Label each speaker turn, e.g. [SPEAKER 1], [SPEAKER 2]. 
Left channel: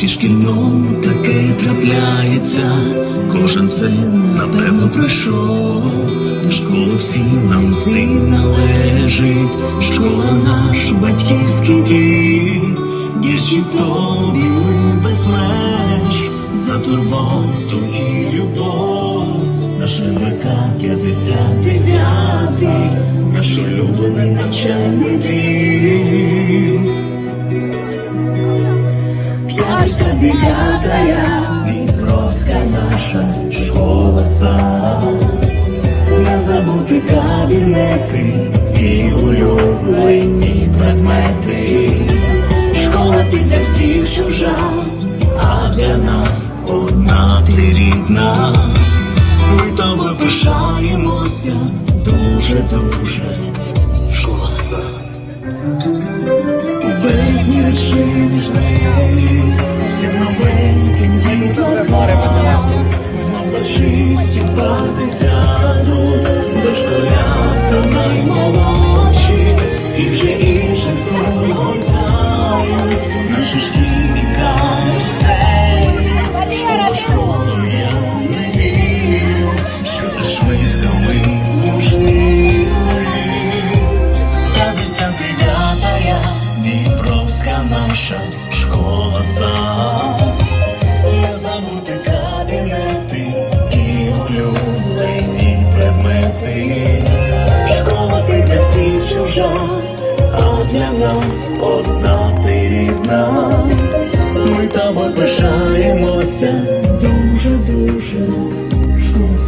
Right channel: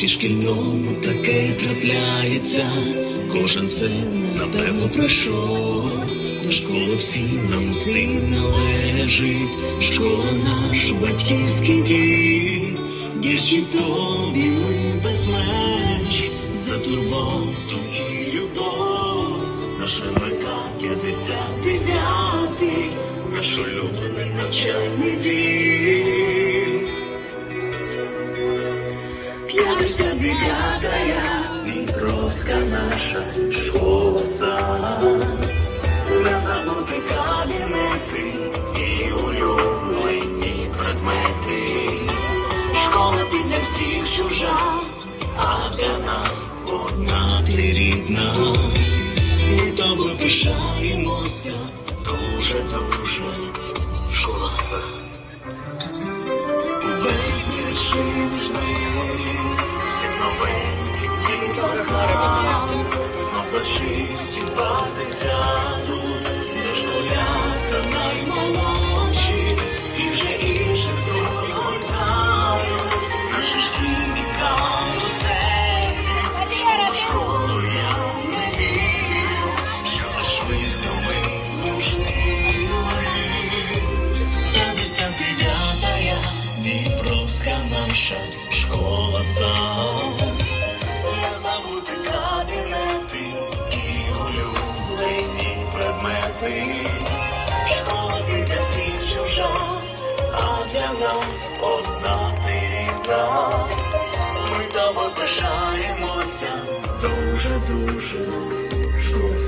[SPEAKER 1] житті шкільному таке трапляється, кожен це напевно пройшов. До школи всім нам йти належить, школа наш батьківський дім, Діжі тобі ми без меж, за турботу і любов, наш МК 59, наш улюблений навчальний дім. Дев'ятая Дніпровська наша школа сад. Не забути кабінети і улюблені предмети. Школа ти для всіх чужа, а для нас одна ти рідна. Ми тобою пишаємося дуже, дуже. Школа сад. Весь мір жити, всім новеньким дітям знов зачисті сяду, де школята наймолодші, і вже інших погортаю, наші шкільні каруселі. Я не вірю, що так швидко ми змушнили. П'ятдесят дев'ятая Дніпровська наша школа сад. Не забути кабінети і улюблені предмети. Школа для всіх чужа, а для нас одна ти рідна. Ми тобою пишаємося дуже, дуже школа